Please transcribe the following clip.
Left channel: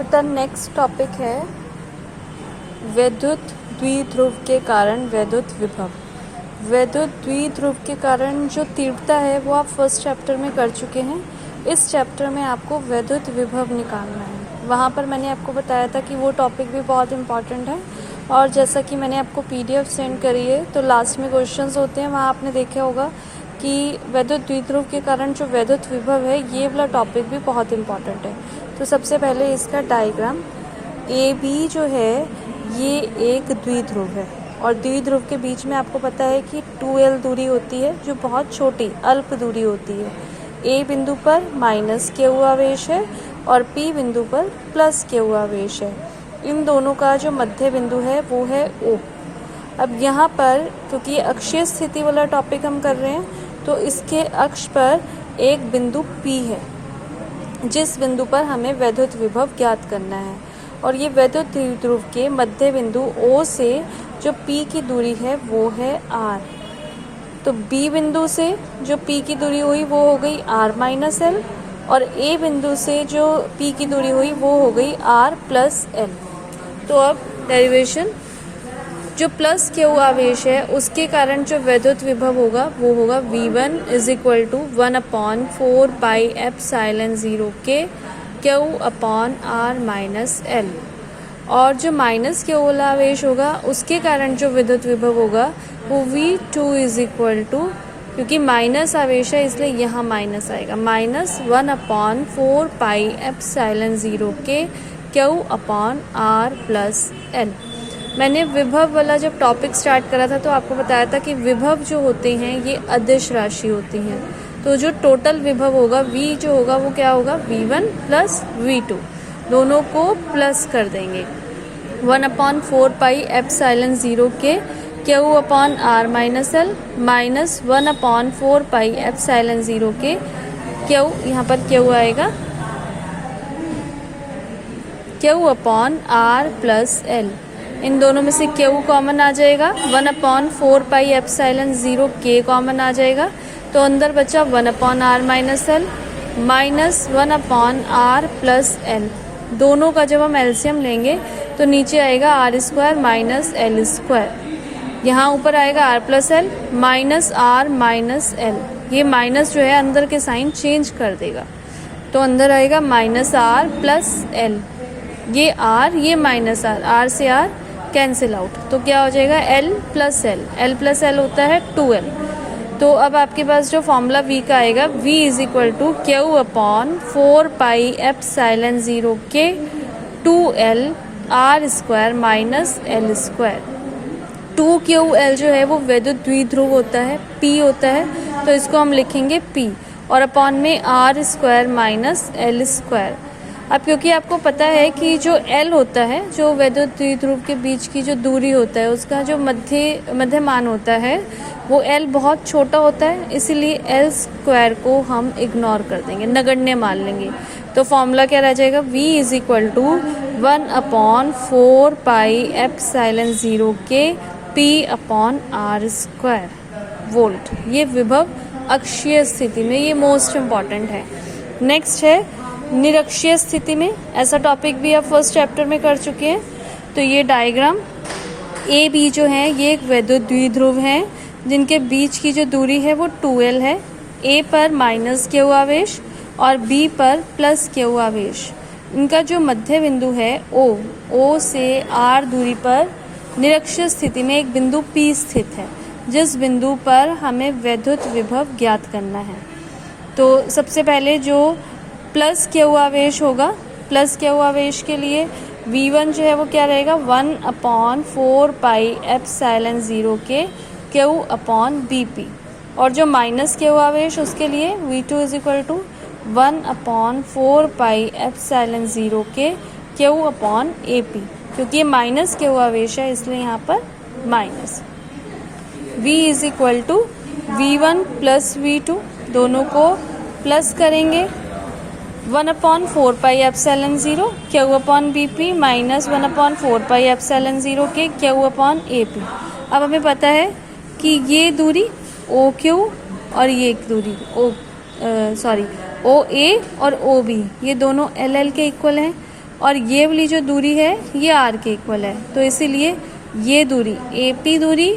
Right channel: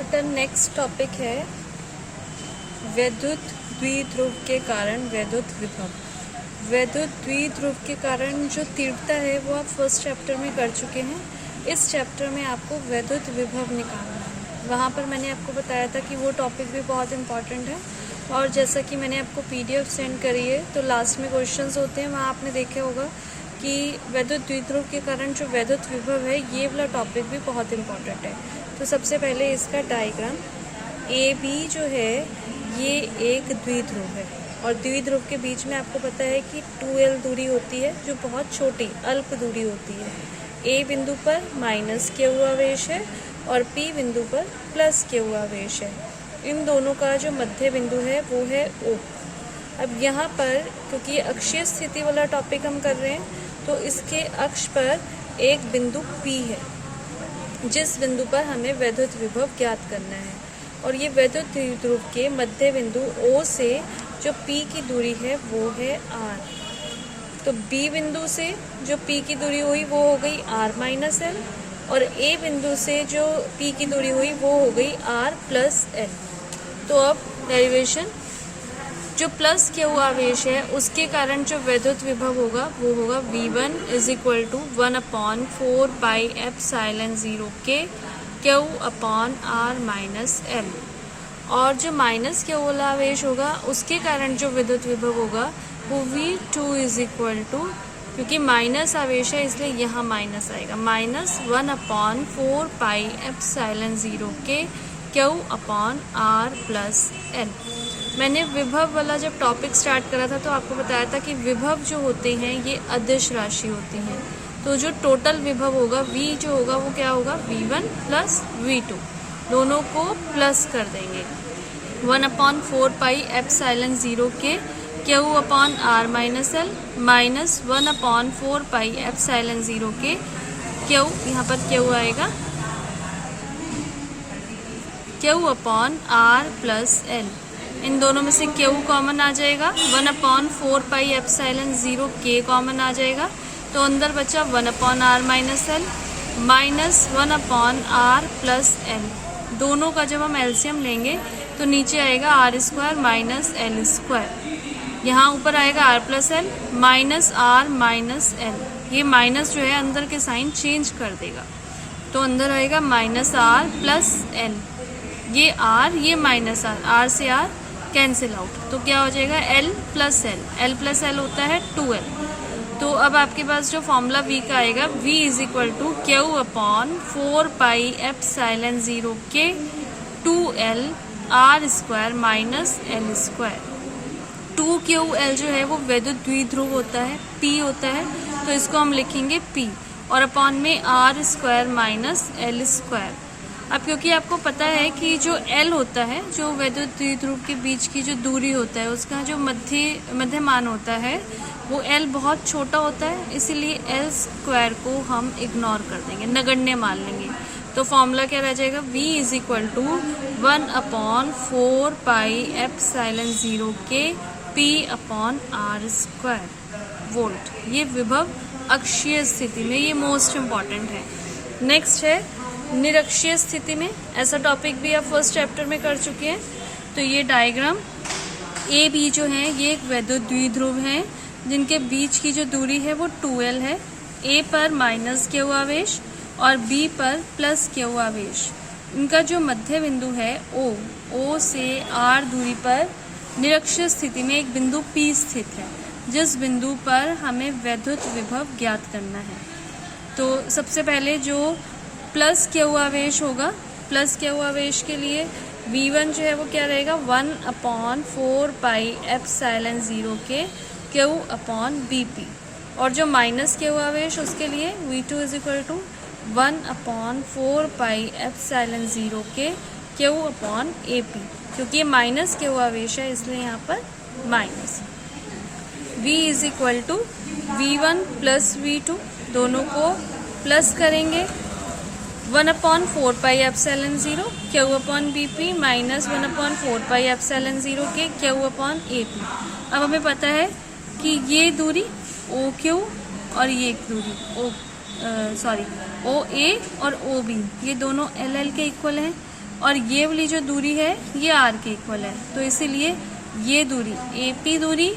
बेटा next topic है वैद्युत द्विध्रुव के कारण वैद्युत विभव। वैद्युत द्विध्रुव के कारण जो तीव्रता है वो आप फर्स्ट चैप्टर में कर चुके हैं। इस चैप्टर में आपको वैद्युत विभव निकालना है। वहाँ पर मैंने आपको बताया था कि वो टॉपिक भी बहुत इम्पॉर्टेंट है, और जैसा कि मैंने आपको PDF सेंड करी है तो लास्ट में क्वेश्चंस होते हैं, वहाँ आपने देखा होगा कि वैद्युत द्विध्रुव के कारण जो वैद्युत विभव है ये वाला टॉपिक भी बहुत इम्पॉर्टेंट है। तो सबसे पहले इसका डायग्राम AB जो है ये एक द्विध्रुव है, और द्विध्रुव के बीच में आपको पता है कि 2L दूरी होती है जो बहुत छोटी अल्प दूरी होती है। A बिंदु पर माइनस Q आवेश है और P बिंदु पर प्लस Q आवेश है। इन दोनों का जो मध्य बिंदु है वो है O। अब यहाँ पर क्योंकि ये अक्षीय स्थिति वाला टॉपिक हम कर रहे हैं तो इसके अक्ष पर एक बिंदु P है जिस बिंदु पर हमें वैद्युत विभव ज्ञात करना है, और ये वैद्युत द्विध्रुव के मध्य बिंदु O से जो P की दूरी है वो है R। तो B बिंदु से जो P की दूरी हुई वो हो गई R माइनस L, और A बिंदु से जो P की दूरी हुई वो हो गई R प्लस L। तो अब डेरिवेशन जो प्लस Q आवेश है उसके कारण जो वैद्युत विभव होगा वो होगा V1 is equal to 1/4 pi epsilon 0 के Q upon R minus L, और जो माइनस Q वाला आवेश होगा उसके कारण जो विद्युत विभव होगा वो V2 इज इक्वल टू, क्योंकि माइनस आवेश है इसलिए यहाँ माइनस आएगा, माइनस 1/4 पाई एप्सिलॉन 0 के Q upon R plus L। मैंने विभव वाला जब टॉपिक स्टार्ट करा था तो आपको बताया था कि विभव जो होते हैं ये अदिश राशि होती हैं। तो जो टोटल विभव होगा V जो होगा वो क्या होगा V1 प्लस V2, दोनों को प्लस कर देंगे। 1/4 पाई एप्सिलॉन 0 के Q upon R minus L minus 1/4 pi epsilon 0 के Q, यहाँ पर Q आएगा Q upon R plus L। इन दोनों में से Q कॉमन आ जाएगा, 1/4 पाई एप्सिलॉन 0 K कॉमन आ जाएगा, तो अंदर बचा 1/R minus L minus 1/R plus L। दोनों का जब हम एलसीएम लेंगे तो नीचे आएगा R² माइनस L²। यहाँ ऊपर आएगा R plus L minus R minus L। ये माइनस जो है अंदर के साइन चेंज कर देगा, तो अंदर आएगा माइनस R प्लस L। ये R ये माइनस R से R कैंसिल आउट, तो क्या हो जाएगा L प्लस L होता है 2L। तो अब आपके पास जो फॉर्मूला V का आएगा V is equal to Q upon 4 pi epsilon 0 के 2L R² minus L²। 2QL जो है वो वैद्युत द्विध्रुव होता है, P होता है, तो इसको हम लिखेंगे P, और अपॉन में R² माइनस L²। अब क्योंकि आपको पता है कि जो L होता है, जो वैद्युत द्विध्रुव के बीच की जो दूरी होता है उसका जो मध्य मान होता है वो L बहुत छोटा होता है, इसीलिए L² को हम इग्नोर कर देंगे, नगण्य मान लेंगे। तो फॉर्मूला क्या रह जाएगा V is equal to 1/4 pi epsilon 0 के P अपॉन R² वोल्ट। ये विभव अक्षीय स्थिति में, ये मोस्ट इम्पॉर्टेंट है। नेक्स्ट है निरक्षीय स्थिति में, ऐसा टॉपिक भी आप फर्स्ट चैप्टर में कर चुके हैं। तो ये डायग्राम AB जो है ये एक वैद्युत द्विध्रुव है जिनके बीच की जो दूरी है वो 2L है। A पर माइनस Q आवेश और B पर प्लस Q आवेश। इनका जो मध्य बिंदु है O से R दूरी पर निरक्षीय स्थिति में एक बिंदु P स्थित है, जिस बिंदु पर हमें वैद्युत विभव ज्ञात करना है। तो सबसे पहले जो प्लस Q आवेश होगा, प्लस Q आवेश के लिए V1 जो है वो क्या रहेगा 1/4 पाई एप्सिलॉन 0 के Q अपॉन BP, और जो माइनस Q आवेश उसके लिए V2 is equal to 1/4 pi epsilon 0 के Q अपॉन AP। क्योंकि ये माइनस Q आवेश है इसलिए यहाँ पर minus. V is equal to V1 plus V2, दोनों को प्लस करेंगे, 1/4 pi epsilon 0 Q upon BP minus 1/4 pi epsilon 0 के Q अपॉन AP। अब हमें पता है कि ये दूरी OQ और ये दूरी OA और OB ये दोनों LL के इक्वल हैं, और ये वाली जो दूरी है ये आर के इक्वल है, तो इसीलिए ये दूरी AP दूरी